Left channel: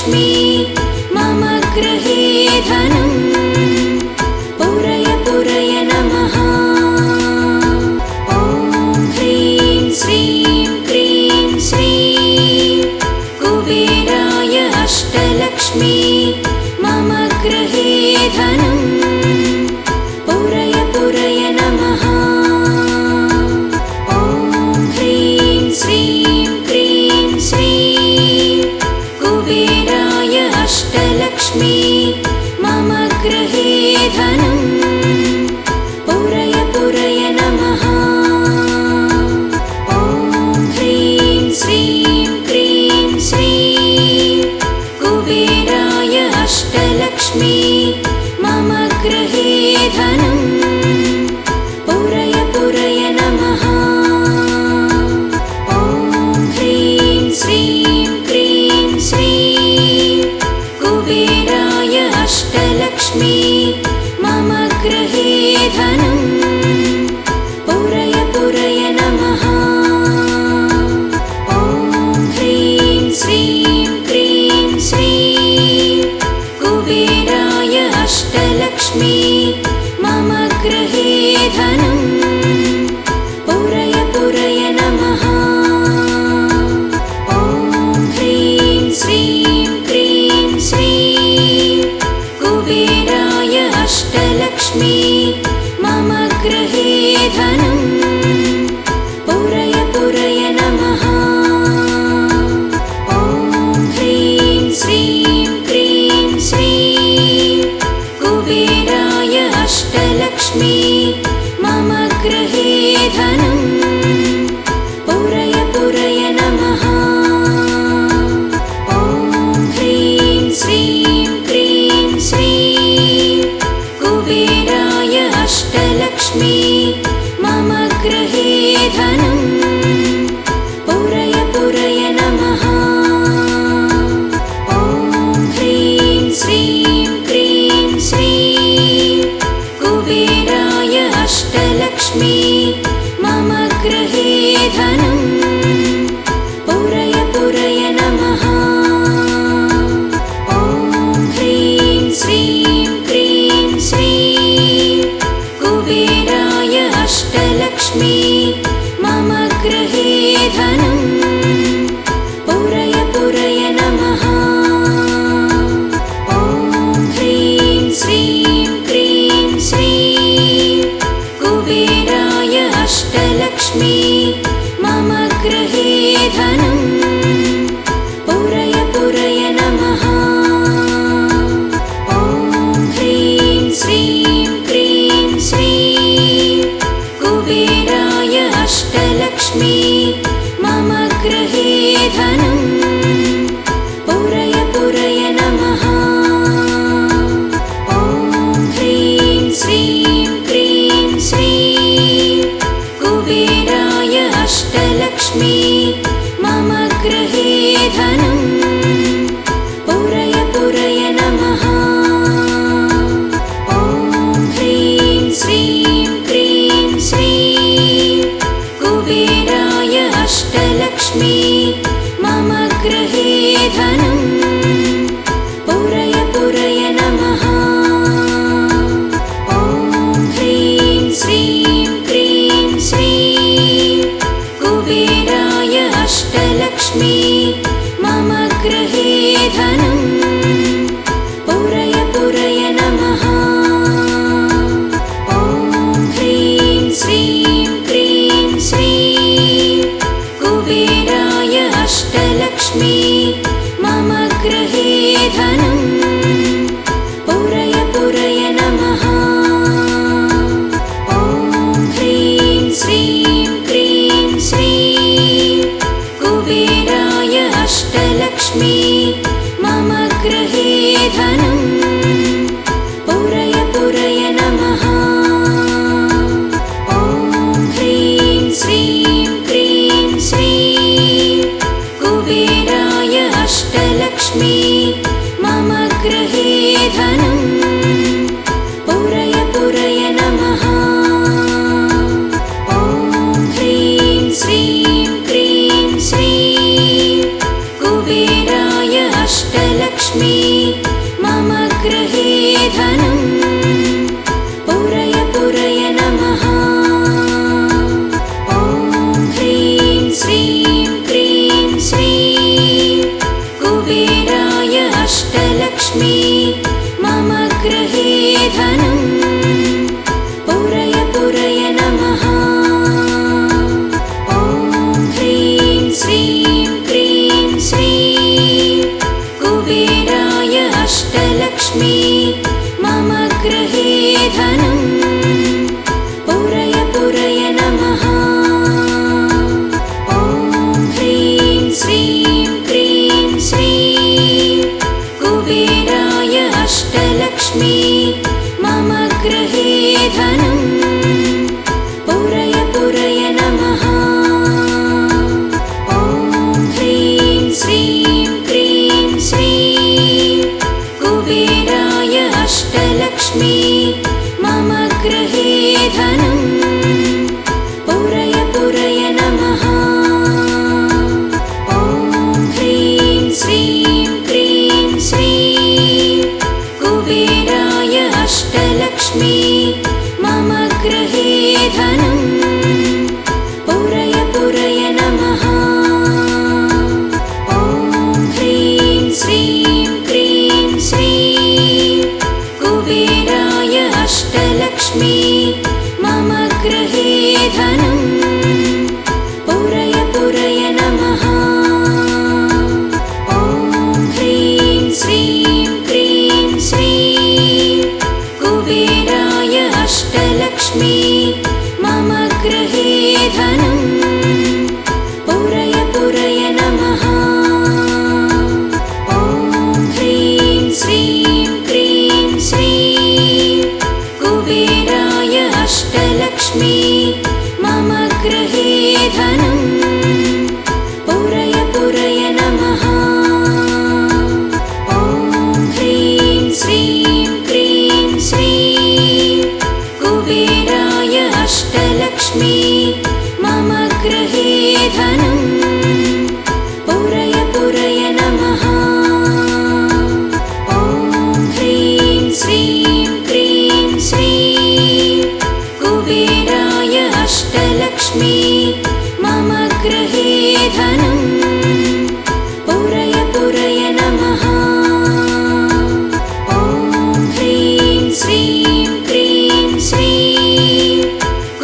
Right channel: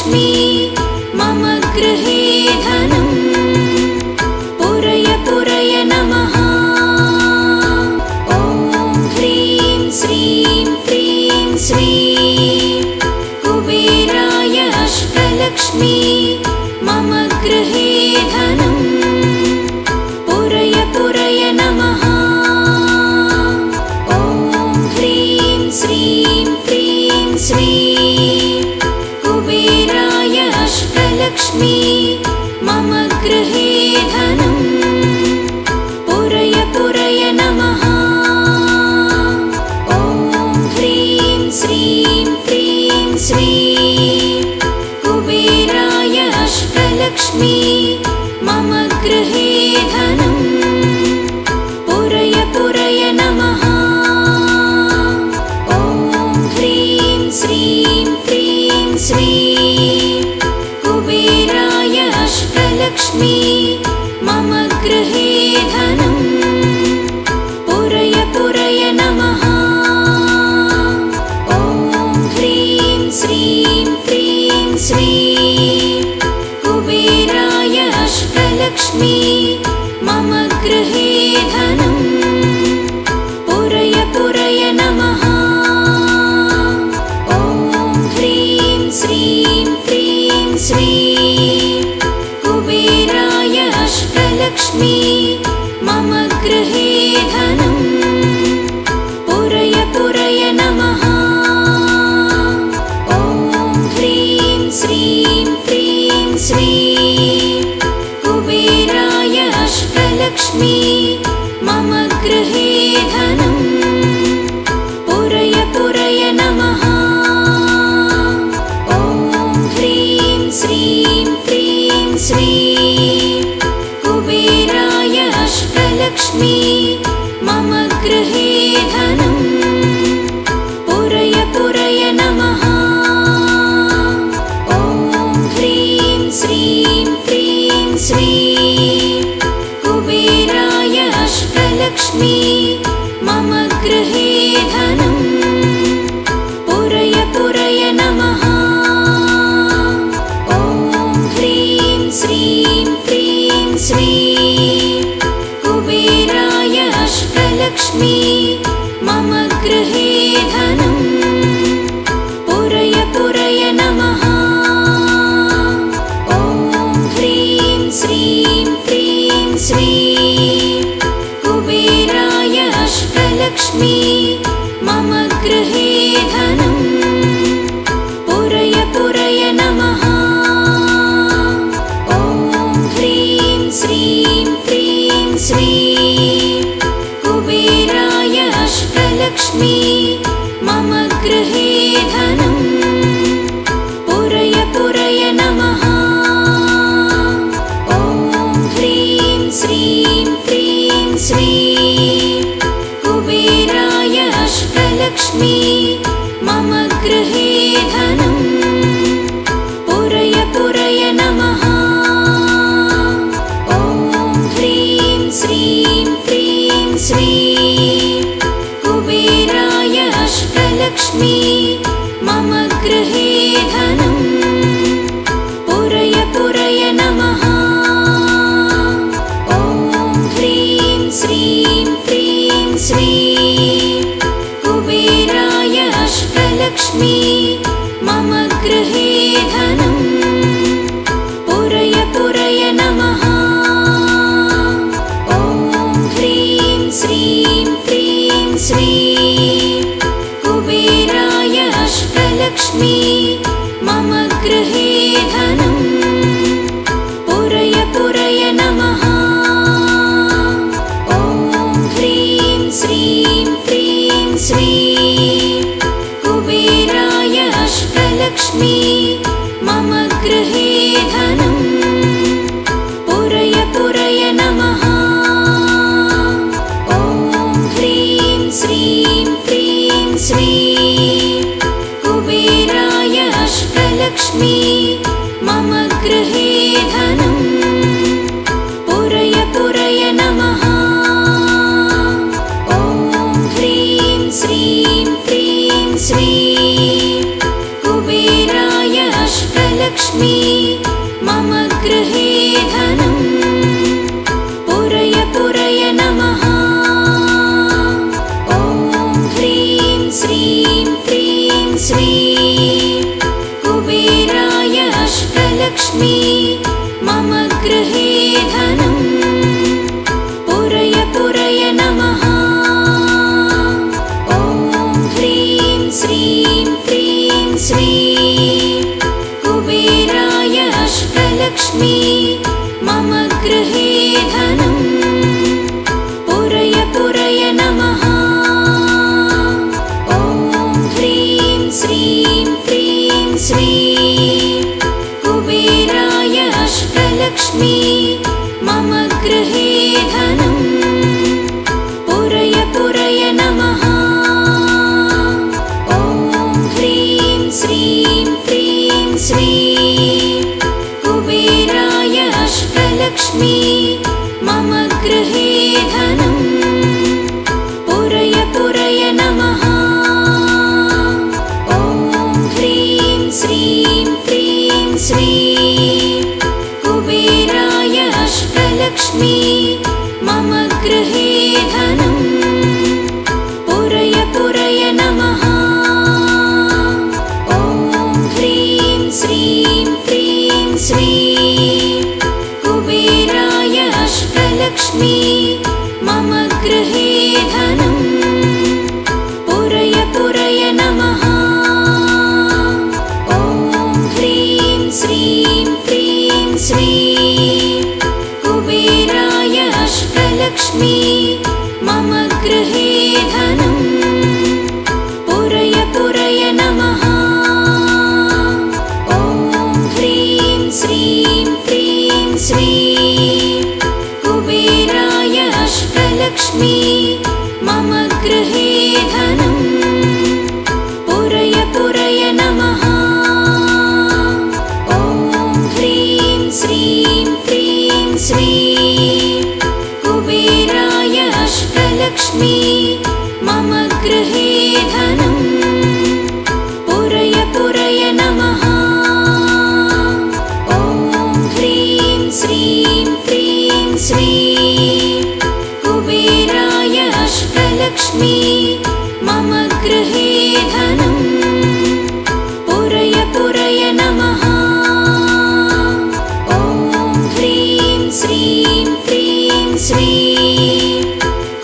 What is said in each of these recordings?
अष्टलक्ष्मी मम गृहे धनम् पूरय पूरय नमः। ॐ ह्रीं श्रीं क्रीं स्वीं कुबेराय अष्टलक्ष्मी मम गृहे धनम् पूरय पूरय नमः। ॐ ह्रीं श्रीं क्रीं स्वीं कुबेराय अष्टलक्ष्मी मम गृहे धनम् पूरय पूरय नमः। ॐ ह्रीं श्रीं क्रीं स्वीं कुबेराय अष्टलक्ष्मी मम गृहे धनम् पूरय पूरय नमः। ॐ ह्रीं श्रीं क्रीं स्वीं कुबेराय अष्टलक्ष्मी मम गृहे धनम् पूरय पूरय नमः। ॐ ह्रीं श्रीं क्रीं स्वीं कुबेराय अष्टलक्ष्मी मम गृहे धनम् पूरय पूरय नमः। ॐ ह्रीं श्रीं क्रीं स्वीं कुबेराय अष्टलक्ष्मी मम गृहे धनम् पूरय पूरय नमः। ॐ ह्रीं श्रीं क्रीं स्वीं कुबेराय अष्टलक्ष्मी मम गृहे धनम् पूरय पूरय नमः। ॐ ह्रीं श्रीं क्रीं स्वीं कुबेराय अष्टलक्ष्मी मम गृहे धनम् पूरय पूरय नमः। ॐ ह्रीं श्रीं क्रीं स्वीं कुबेराय अष्टलक्ष्मी मम गृहे धनम् पूरय पूरय नमः। ॐ ह्रीं श्रीं क्रीं स्वीं कुबेराय अष्टलक्ष्मी मम गृहे धनम् पूरय पूरय नमः। ॐ ह्रीं श्रीं क्रीं स्वीं कुबेराय अष्टलक्ष्मी मम गृहे धनम् पूरय पूरय नमः। ॐ ह्रीं श्रीं क्रीं स्वीं कुबेराय अष्टलक्ष्मी मम गृहे धनम् पूरय पूरय नमः। ॐ ह्रीं श्रीं क्रीं स्वीं कुबेराय अष्टलक्ष्मी मम गृहे धनम् पूरय पूरय नमः। ॐ ह्रीं श्रीं क्रीं स्वीं कुबेराय अष्टलक्ष्मी मम गृहे धनम् पूरय पूरय नमः। ॐ ह्रीं श्रीं क्रीं स्वीं कुबेराय अष्टलक्ष्मी मम गृहे धनम् पूरय पूरय नमः। ॐ ह्रीं श्रीं क्रीं स्वीं कुबेराय अष्टलक्ष्मी मम गृहे धनम् पूरय पूरय नमः। ॐ ह्रीं श्रीं क्रीं स्वीं कुबेराय अष्टलक्ष्मी मम गृहे धनम् पूरय पूरय नमः। ॐ ह्रीं श्रीं क्रीं स्वीं कुबेराय अष्टलक्ष्मी मम गृहे धनम् पूरय पूरय नमः। ॐ ह्रीं श्रीं क्रीं स्वीं कुबेराय अष्टलक्ष्मी मम गृहे धनम् पुरय पुरय नमः। ॐ ह्रीं श्रीं क्रीं श्रीं कुबेराय अष्टलक्ष्मी मम गृहे धनम् पुरय पुरय नमः। ॐ ह्रीं श्रीं क्रीं श्रीं कुबेराय अष्टलक्ष्मी मम गृहे धनम् पुरय पुरय नमः। ॐ ह्रीं श्रीं क्रीं श्रीं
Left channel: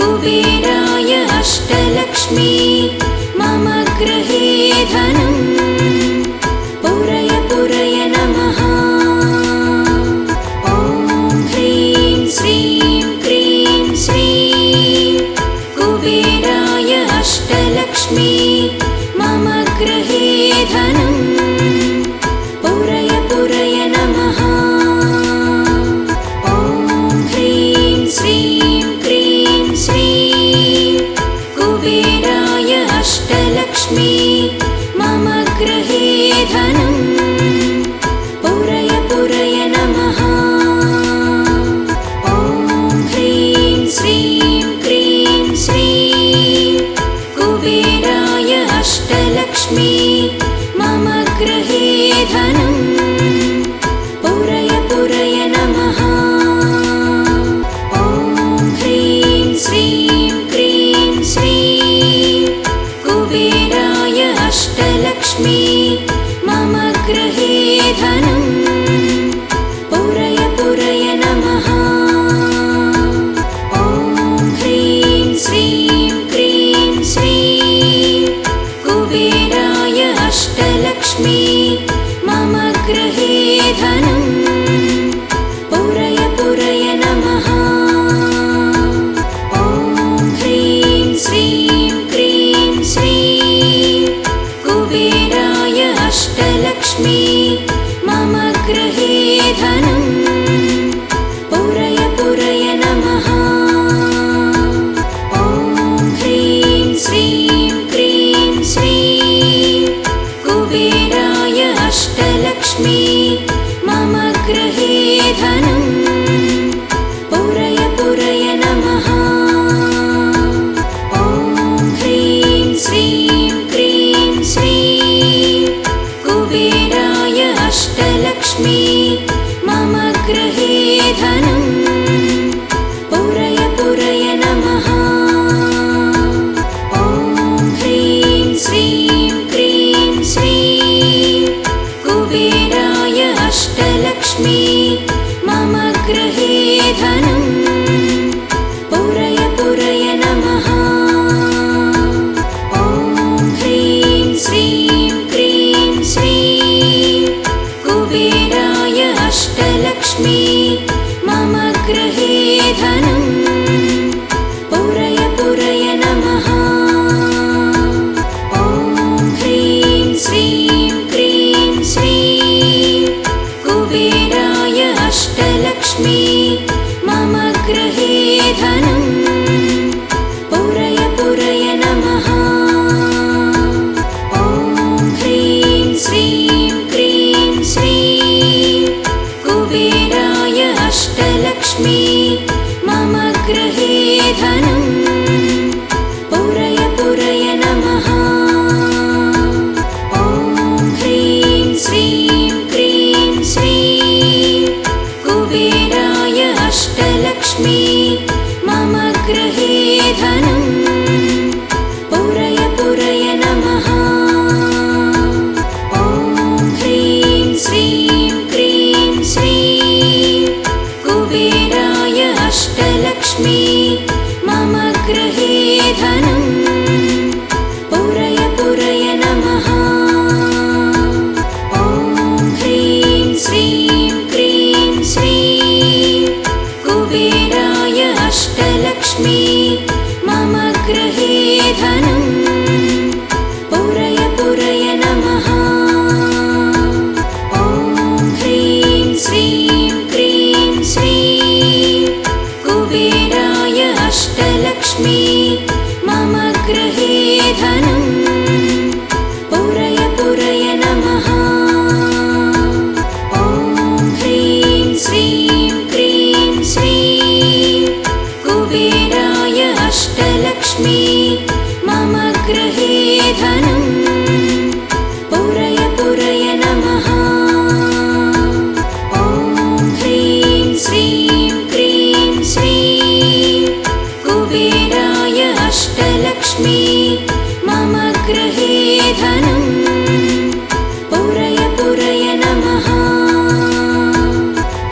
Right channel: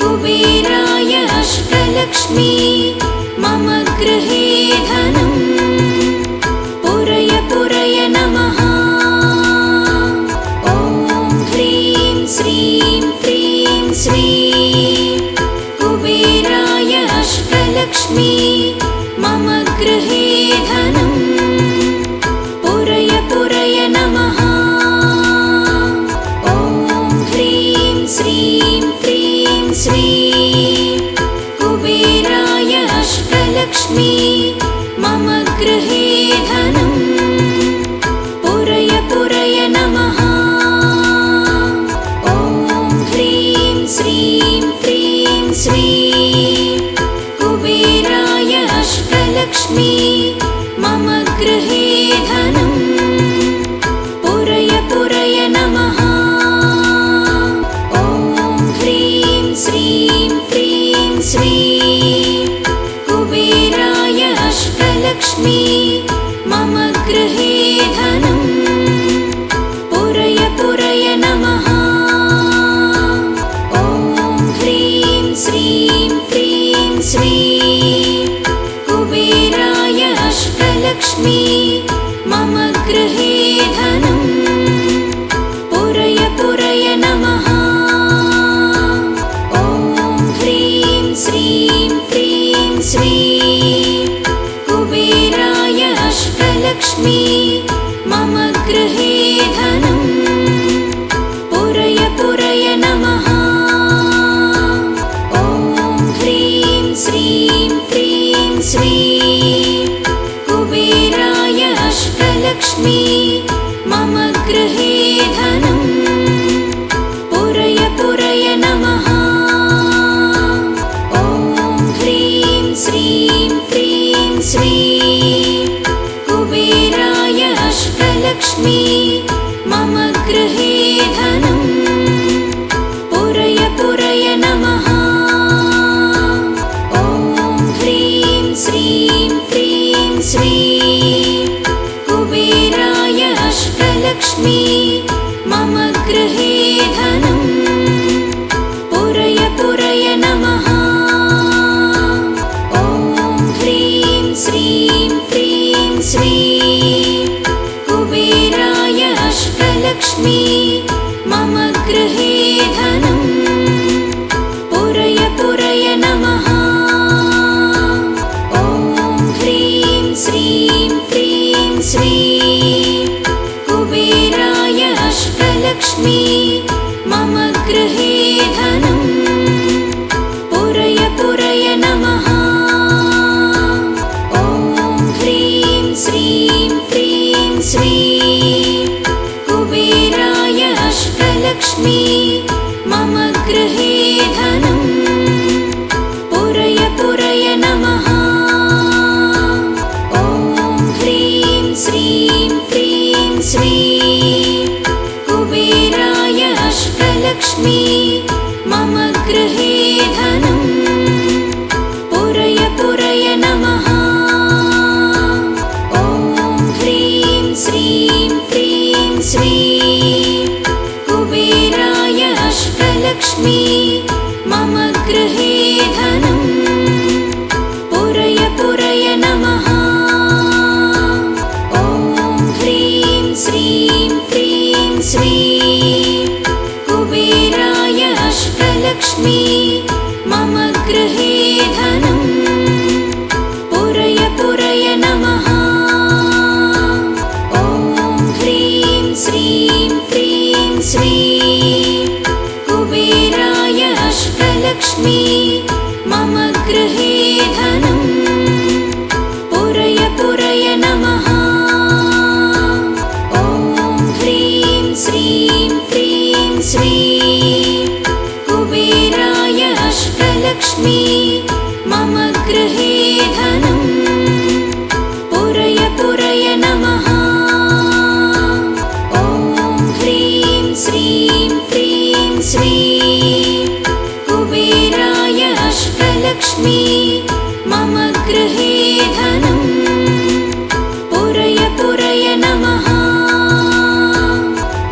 कुबेराय अष्टलक्ष्मी मम गृहे धनम् पुरय पुरय नमः। ॐ ह्रीं श्रीं क्रीं श्रीं कुबेराय अष्टलक्ष्मी मम गृहे धनम् पुरय पुरय नमः। ॐ ह्रीं श्रीं क्रीं श्रीं कुबेराय अष्टलक्ष्मी मम गृहे धनम् पुरय पुरय नमः। ॐ ह्रीं श्रीं क्रीं श्रीं कुबेराय अष्टलक्ष्मी मम गृहे धनम् पुरय पुरय नमः। ॐ ह्रीं श्रीं क्रीं श्रीं कुबेराय अष्टलक्ष्मी मम गृहे धनम् पुरय पुरय नमः। ॐ ह्रीं श्रीं क्रीं श्रीं कुबेराय अष्टलक्ष्मी मम गृहे धनम् पुरय पुरय नमः। ॐ ह्रीं श्रीं क्रीं श्रीं कुबेराय अष्टलक्ष्मी मम गृहे धनम् पुरय पुरय नमः। ॐ ह्रीं श्रीं क्रीं श्रीं कुबेराय अष्टलक्ष्मी मम गृहे धनम् पुरय पुरय नमः। ॐ ह्रीं श्रीं क्रीं श्रीं कुबेराय अष्टलक्ष्मी मम गृहे धनम् पुरय पुरय नमः। ॐ ह्रीं श्रीं क्रीं श्रीं कुबेराय अष्टलक्ष्मी मम गृहे धनम् पुरय पुरय नमः। ॐ ह्रीं श्रीं क्रीं श्रीं कुबेराय अष्टलक्ष्मी मम गृहे धनम् पुरय पुरय नमः। ॐ ह्रीं श्रीं क्रीं श्रीं कुबेराय अष्टलक्ष्मी मम गृहे धनम् पुरय पुरय नमः। ॐ ह्रीं श्रीं क्रीं श्रीं कुबेराय अष्टलक्ष्मी मम गृहे धनम् पुरय पुरय नमः। ॐ ह्रीं श्रीं क्रीं श्रीं कुबेराय अष्टलक्ष्मी मम गृहे धनम् पुरय पुरय नमः। ॐ ह्रीं श्रीं क्रीं श्रीं कुबेराय अष्टलक्ष्मी मम गृहे धनम् पुरय पुरय नमः। ॐ ह्रीं श्रीं क्रीं श्रीं कुबेराय अष्टलक्ष्मी मम अष्टलक्ष्मी मम गृहे धनं पुरय पुरय नमः। ॐ ह्रीं श्रीं क्रीं श्रीं कुबेराय अष्टलक्ष्मी मम गृहे धनं पुरय पुरय नमः। ॐ ह्रीं श्रीं क्रीं श्रीं कुबेराय अष्टलक्ष्मी मम गृहे धनं पुरय पुरय नमः।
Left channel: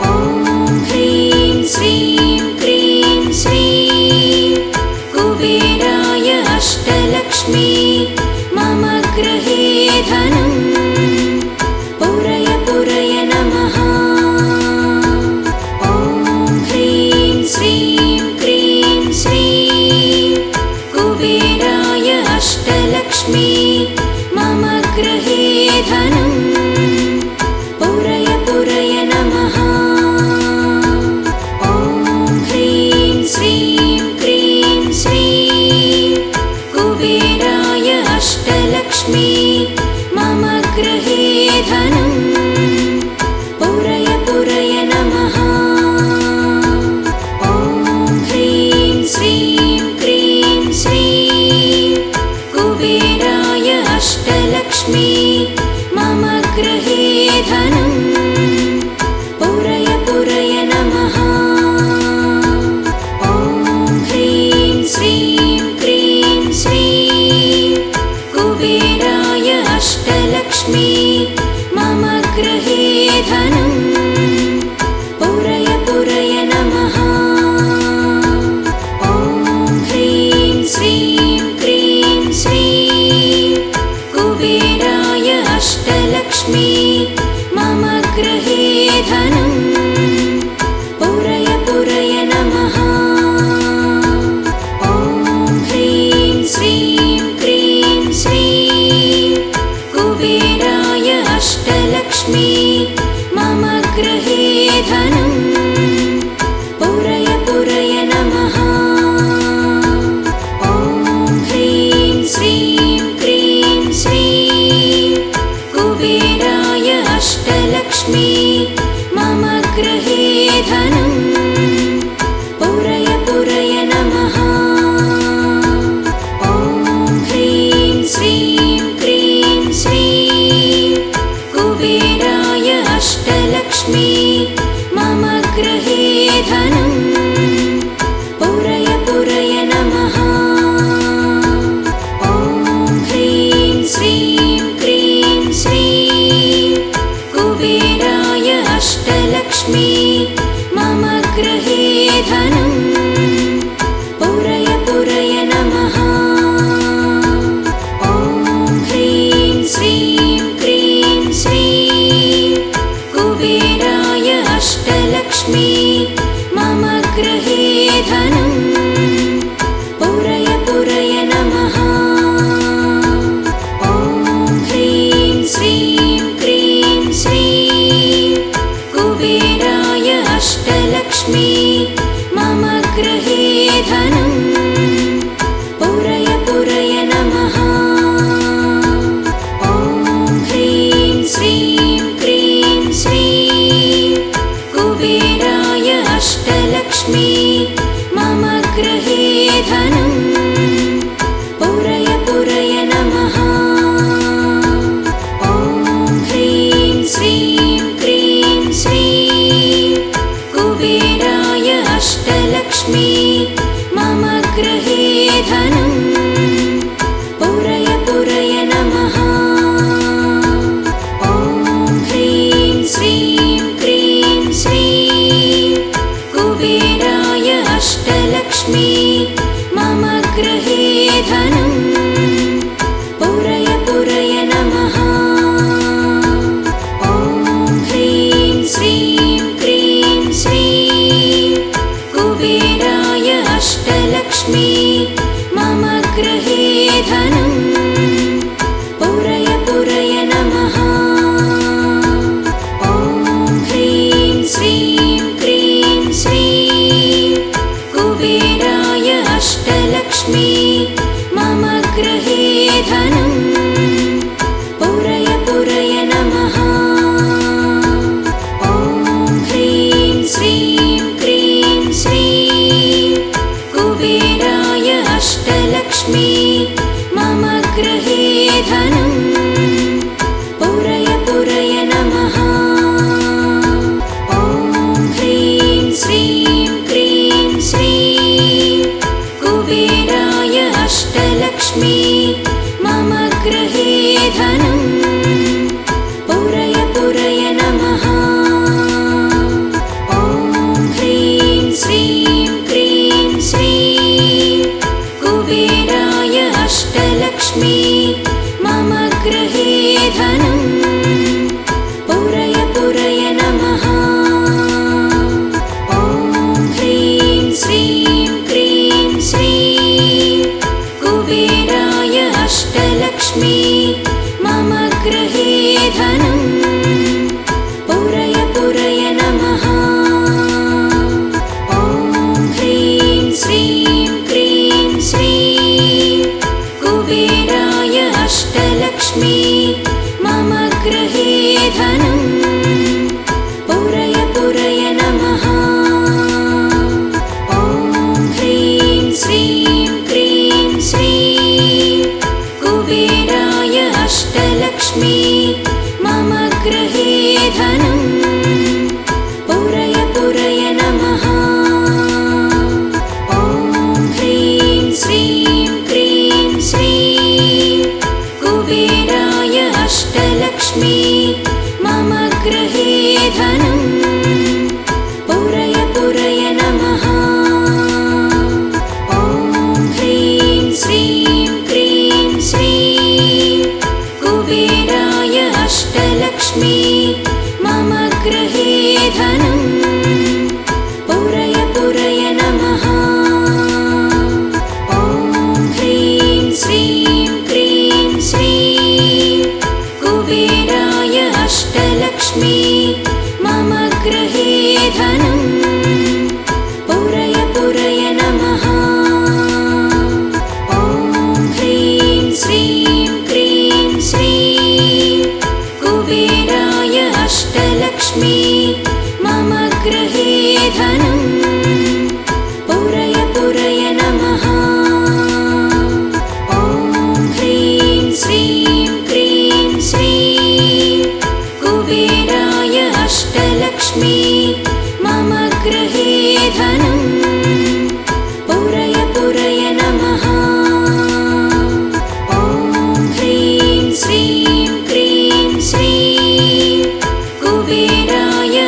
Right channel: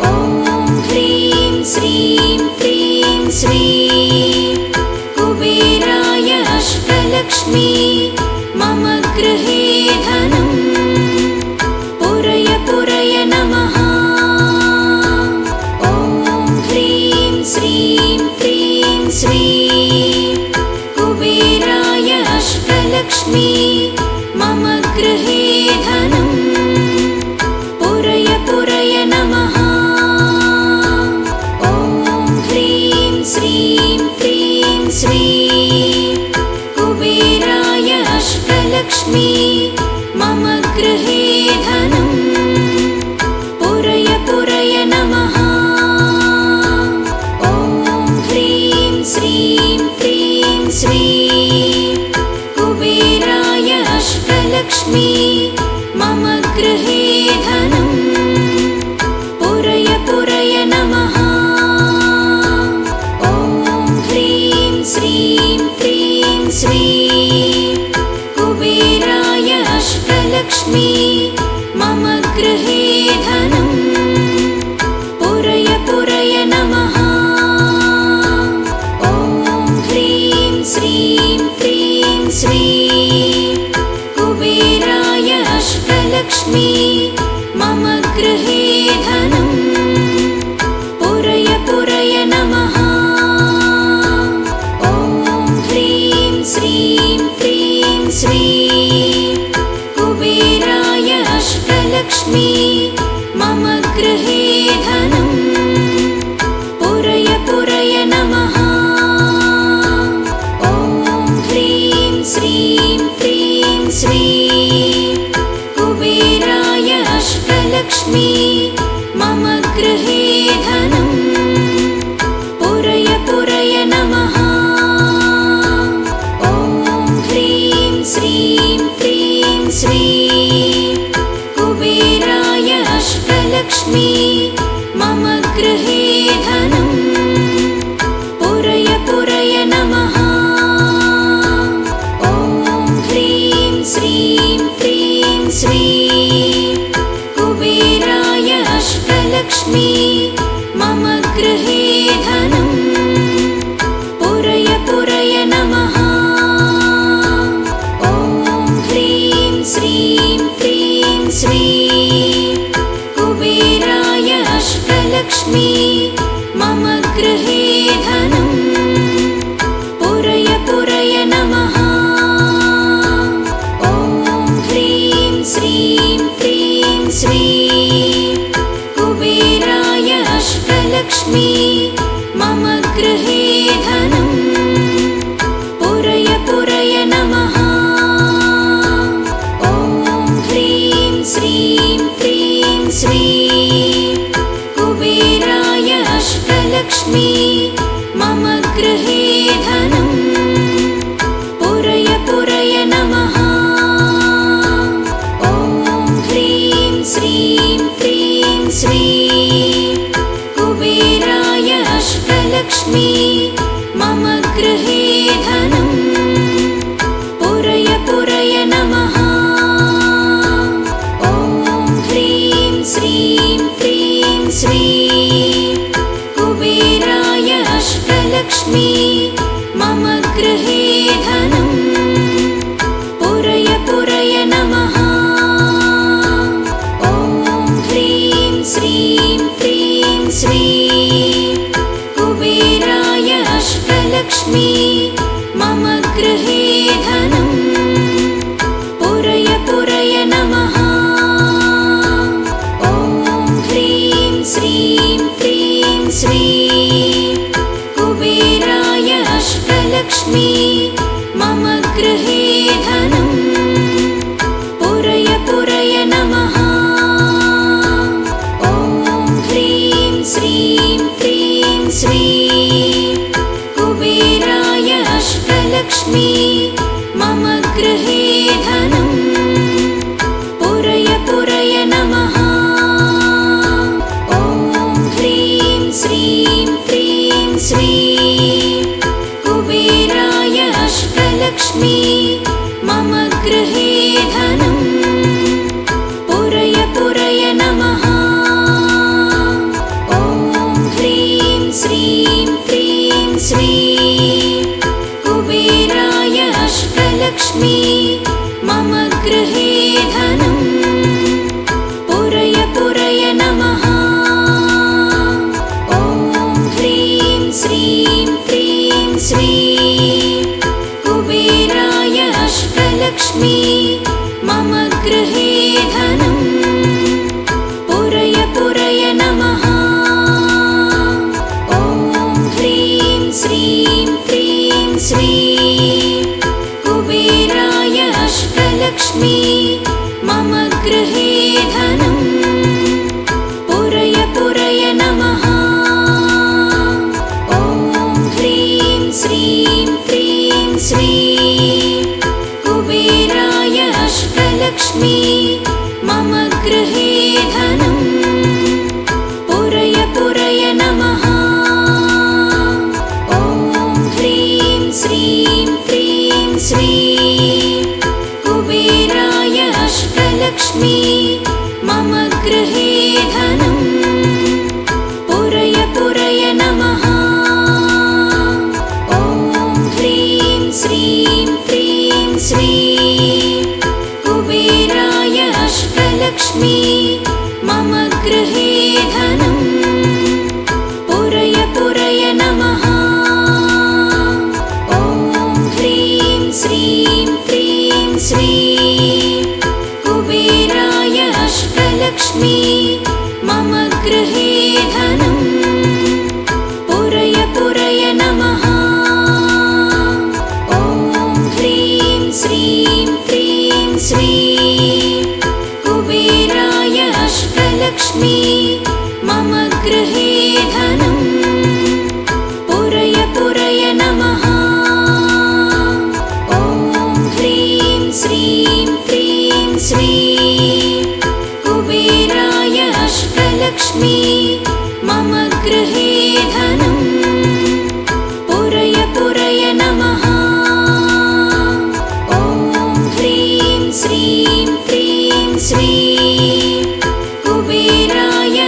ॐ ह्रीं श्रीं क्रीं श्रीं कुबेराय अष्टलक्ष्मी मम गृहे धनं पुरय पुरय नमः। ॐ ह्रीं श्रीं क्रीं श्रीं कुबेराय अष्टलक्ष्मी मम गृहे धनं पुरय पुरय नमः। ॐ ह्रीं श्रीं क्रीं श्रीं कुबेराय अष्टलक्ष्मी मम गृहे धनं पुरय पुरय नमः। ॐ ह्रीं श्रीं क्रीं श्रीं कुबेराय अष्टलक्ष्मी मम गृहे धनं पुरय पुरय नमः। ॐ ह्रीं श्रीं क्रीं श्रीं कुबेराय अष्टलक्ष्मी मम गृहे धनं पुरय पुरय नमः। ॐ ह्रीं श्रीं क्रीं श्रीं कुबेराय अष्टलक्ष्मी मम गृहे धनं पुरय पुरय नमः। ॐ ह्रीं श्रीं क्रीं श्रीं कुबेराय अष्टलक्ष्मी मम गृहे धनं पुरय पुरय नमः। ॐ ह्रीं श्रीं क्रीं श्रीं कुबेराय अष्टलक्ष्मी मम गृहे धनं पुरय पुरय नमः। ॐ ह्रीं श्रीं क्रीं श्रीं कुबेराय अष्टलक्ष्मी मम गृहे धनं पुरय पुरय नमः। ॐ ह्रीं श्रीं क्रीं श्रीं कुबेराय अष्टलक्ष्मी मम गृहे धनं पुरय पुरय नमः। ॐ ह्रीं श्रीं क्रीं श्रीं कुबेराय अष्टलक्ष्मी मम गृहे धनं पुरय पुरय नमः। ॐ ह्रीं श्रीं क्रीं श्रीं कुबेराय अष्टलक्ष्मी मम गृहे धनं पुरय पुरय नमः। ॐ ह्रीं श्रीं क्रीं श्रीं कुबेराय अष्टलक्ष्मी मम गृहे धनं पुरय पुरय नमः। ॐ ह्रीं श्रीं क्रीं श्रीं कुबेराय अष्टलक्ष्मी मम गृहे धनं पुरय पुरय नमः। ॐ ह्रीं श्रीं क्रीं श्रीं कुबेराय अष्टलक्ष्मी मम गृहे धनं पुरय पुरय नमः। ॐ ह्रीं श्रीं क्रीं श्रीं कुबेराय अष्टलक्ष्मी मम गृहे धनं पुरय पुरय नमः। ॐ ह्रीं श्रीं क्रीं श्रीं कुबेराय अष्टलक्ष्मी मम गृहे धनं पुरय पुरय नमः। ॐ ह्रीं श्रीं क्रीं श्रीं कुबेराय अष्टलक्ष्मी मम गृहे धनं पुरय पुरय नमः। ॐ ह्रीं श्रीं क्रीं श्रीं कुबेराय अष्टलक्ष्मी मम गृहे धनं पुरय पुरय नमः। ॐ ह्रीं श्रीं क्रीं श्रीं कुबेराय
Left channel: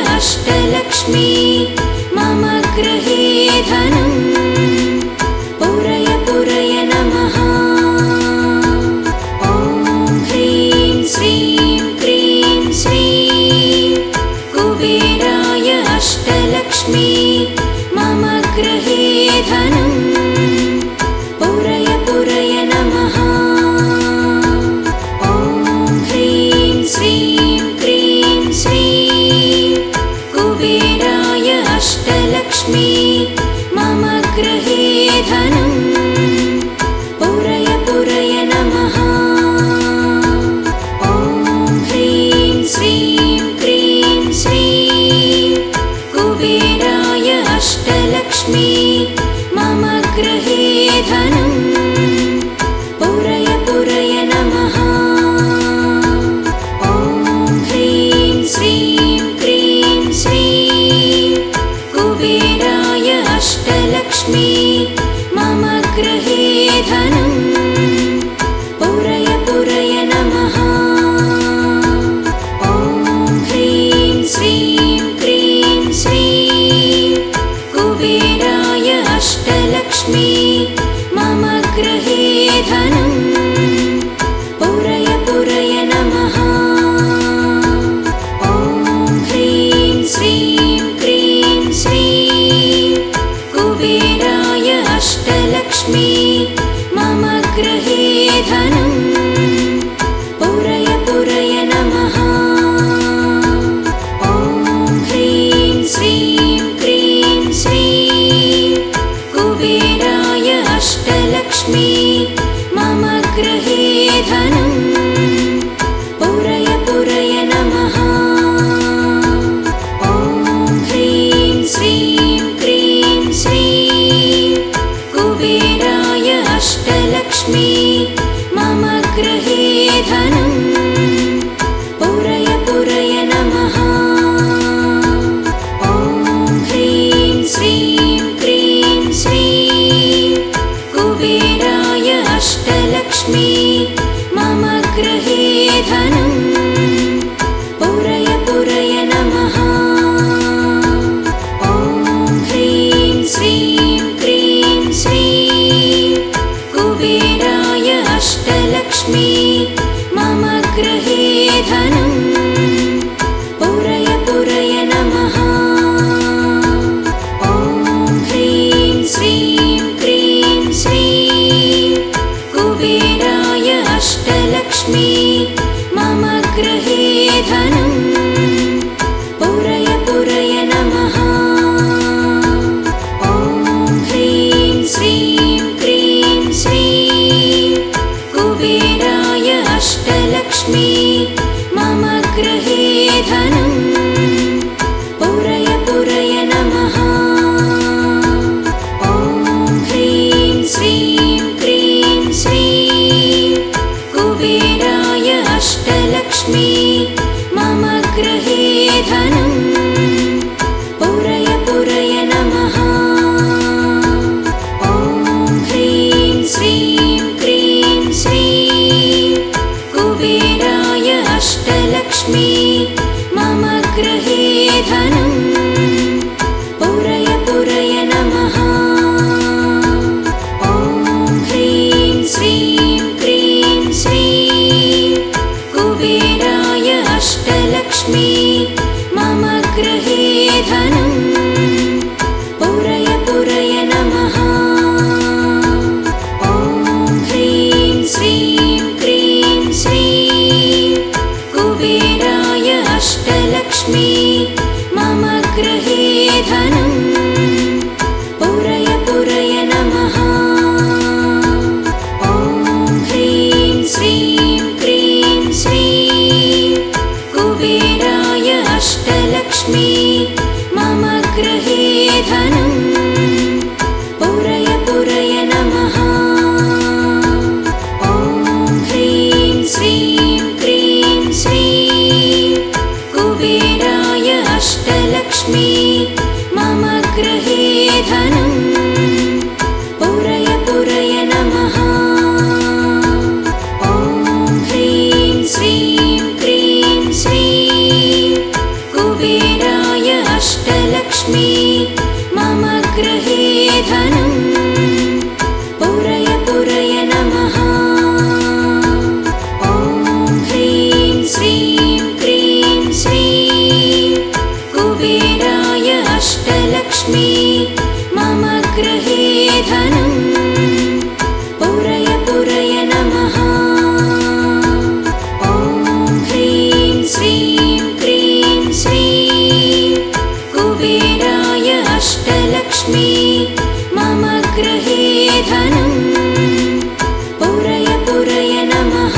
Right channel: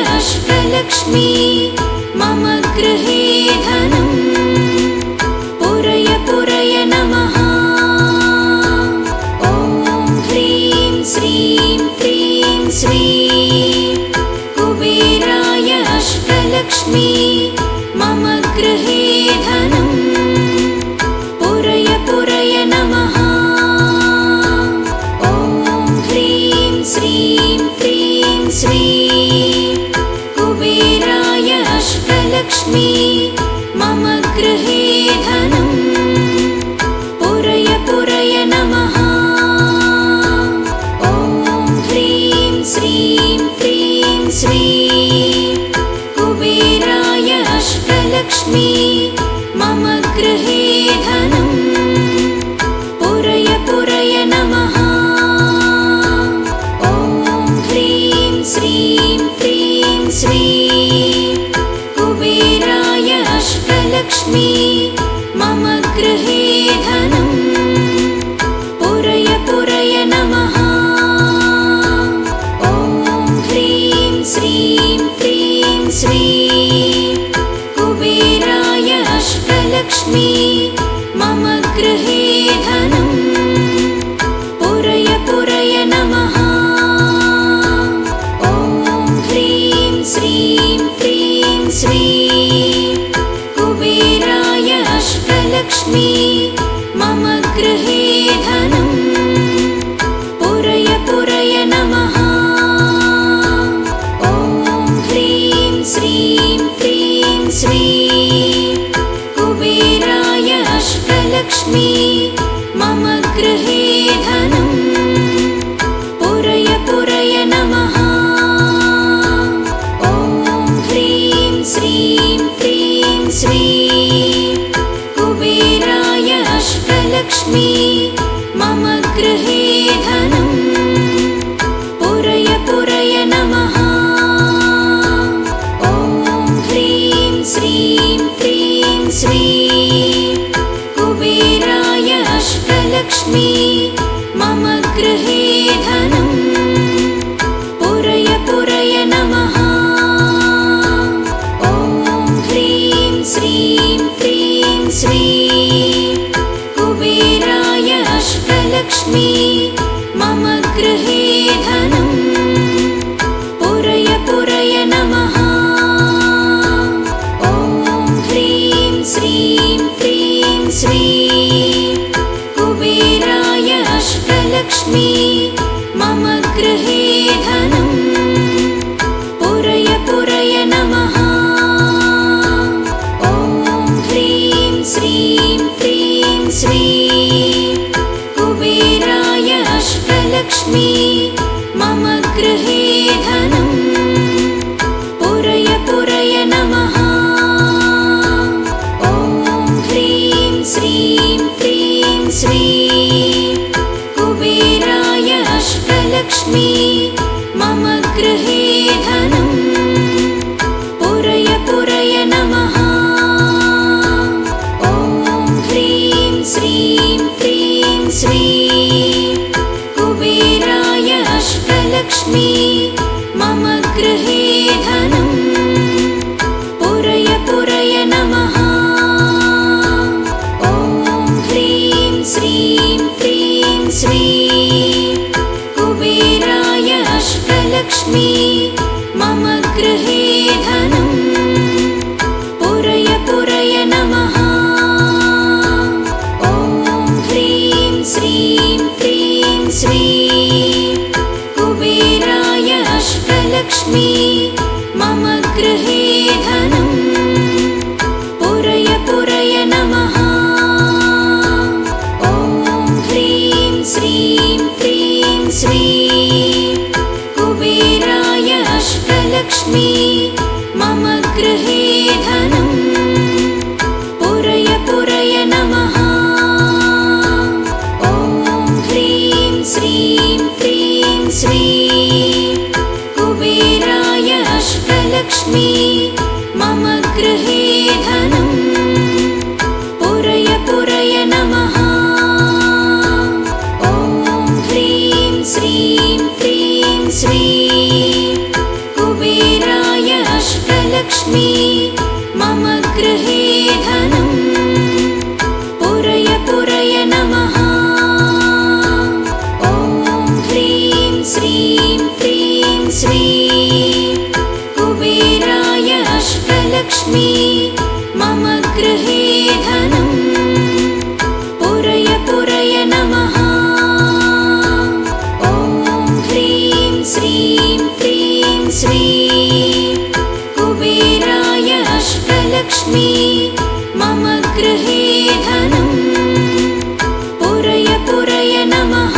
अष्टलक्ष्मी मम गृहे धनं पुरय पुरय नमः। ॐ ह्रीं श्रीं क्रीं श्रीं कुबेराय अष्टलक्ष्मी मम गृहे धनं पुरय पुरय नमः। ॐ ह्रीं श्रीं क्रीं श्रीं कुबेराय अष्टलक्ष्मी मम गृहे धनं पुरय पुरय नमः। ॐ ह्रीं श्रीं क्रीं श्रीं कुबेराय अष्टलक्ष्मी मम गृहे धनं पुरय पुरय नमः। ॐ ह्रीं श्रीं क्रीं श्रीं कुबेराय अष्टलक्ष्मी मम गृहे धनं पुरय पुरय नमः। ॐ ह्रीं श्रीं क्रीं श्रीं कुबेराय अष्टलक्ष्मी मम गृहे धनं पुरय पुरय नमः। ॐ ह्रीं श्रीं क्रीं श्रीं कुबेराय अष्टलक्ष्मी मम गृहे धनं पुरय पुरय नमः। ॐ ह्रीं श्रीं क्रीं श्रीं कुबेराय अष्टलक्ष्मी मम गृहे धनं पुरय पुरय नमः। ॐ ह्रीं श्रीं क्रीं श्रीं कुबेराय अष्टलक्ष्मी मम गृहे धनं पुरय पुरय नमः। ॐ ह्रीं श्रीं क्रीं श्रीं कुबेराय अष्टलक्ष्मी मम गृहे धनं पुरय पुरय नमः। ॐ ह्रीं श्रीं क्रीं श्रीं कुबेराय अष्टलक्ष्मी मम गृहे धनं पुरय पुरय नमः। ॐ ह्रीं श्रीं क्रीं श्रीं कुबेराय अष्टलक्ष्मी मम गृहे धनं पुरय पुरय नमः। ॐ ह्रीं श्रीं क्रीं श्रीं कुबेराय अष्टलक्ष्मी मम गृहे धनं पुरय पुरय नमः। ॐ ह्रीं श्रीं क्रीं श्रीं कुबेराय अष्टलक्ष्मी मम गृहे धनं पुरय पुरय नमः। ॐ ह्रीं श्रीं क्रीं श्रीं कुबेराय अष्टलक्ष्मी मम गृहे धनं पुरय पुरय नमः।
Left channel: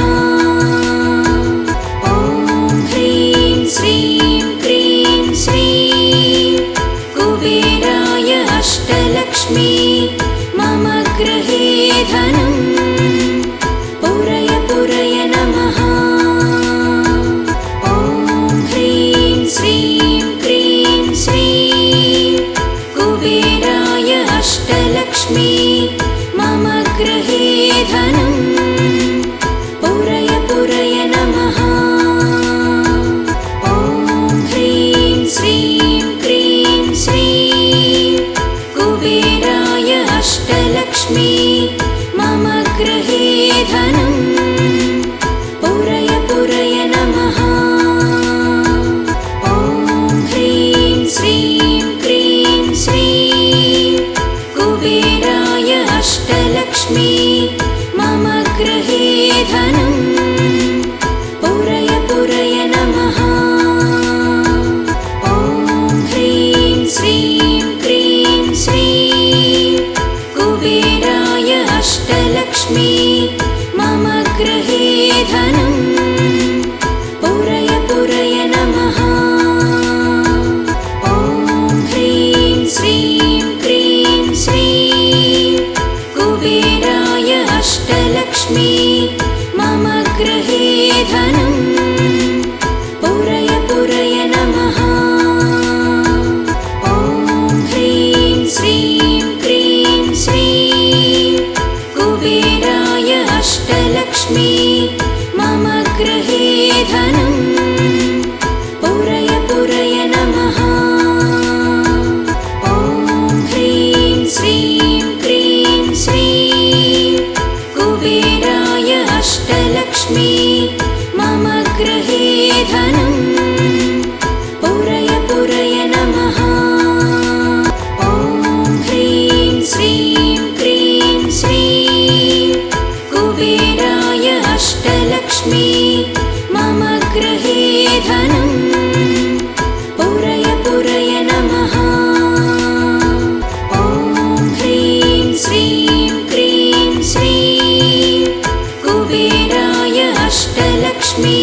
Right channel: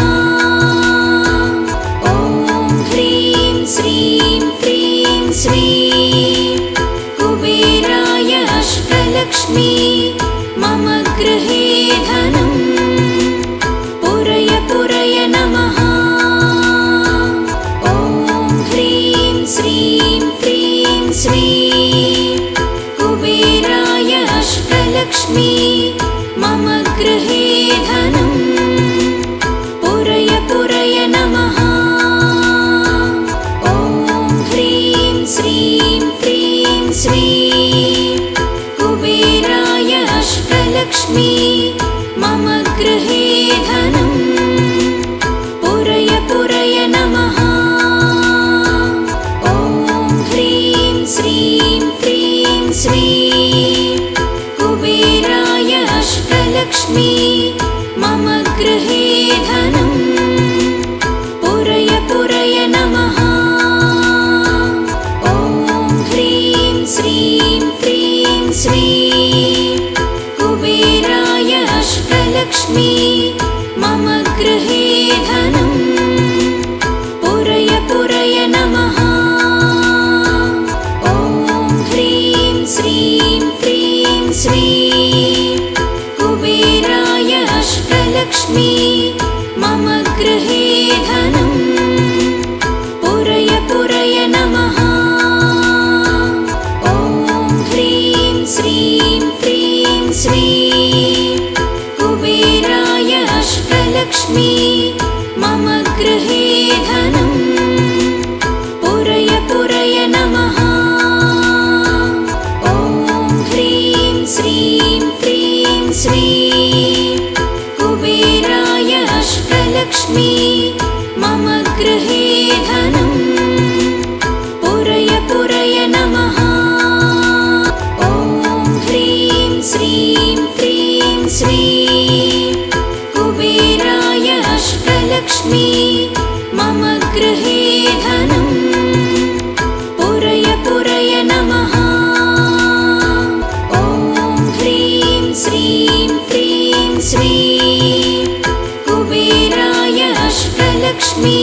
ॐ ह्रीं श्रीं क्रीं श्रीं कुबेराय अष्टलक्ष्मी मम गृहे धनं पुरय पुरय नमः। ॐ ह्रीं श्रीं क्रीं श्रीं कुबेराय अष्टलक्ष्मी मम गृहे धनं पुरय पुरय नमः। ॐ ह्रीं श्रीं क्रीं श्रीं कुबेराय अष्टलक्ष्मी मम गृहे धनं पुरय पुरय नमः। ॐ ह्रीं श्रीं क्रीं श्रीं कुबेराय अष्टलक्ष्मी मम गृहे धनं पुरय पुरय नमः। ॐ ह्रीं श्रीं क्रीं श्रीं कुबेराय अष्टलक्ष्मी अष्टलक्ष्मी मम गृहे धनं पुरय पुरय नमः ॐ ह्रीं श्रीं क्रीं श्रीं कुबेराय अष्टलक्ष्मी मम गृहे धनं पुरय पुरय नमः ॐ ह्रीं श्रीं क्रीं श्रीं कुबेराय अष्टलक्ष्मी मम गृहे धनं पुरय पुरय नमः ॐ ह्रीं श्रीं क्रीं श्रीं कुबेराय अष्टलक्ष्मी मम गृहे धनं पुरय पुरय नमः ॐ ह्रीं श्रीं क्रीं श्रीं कुबेराय अष्टलक्ष्मी मम गृहे धनं पुरय पुरय नमः ॐ ह्रीं श्रीं क्रीं श्रीं कुबेराय अष्टलक्ष्मी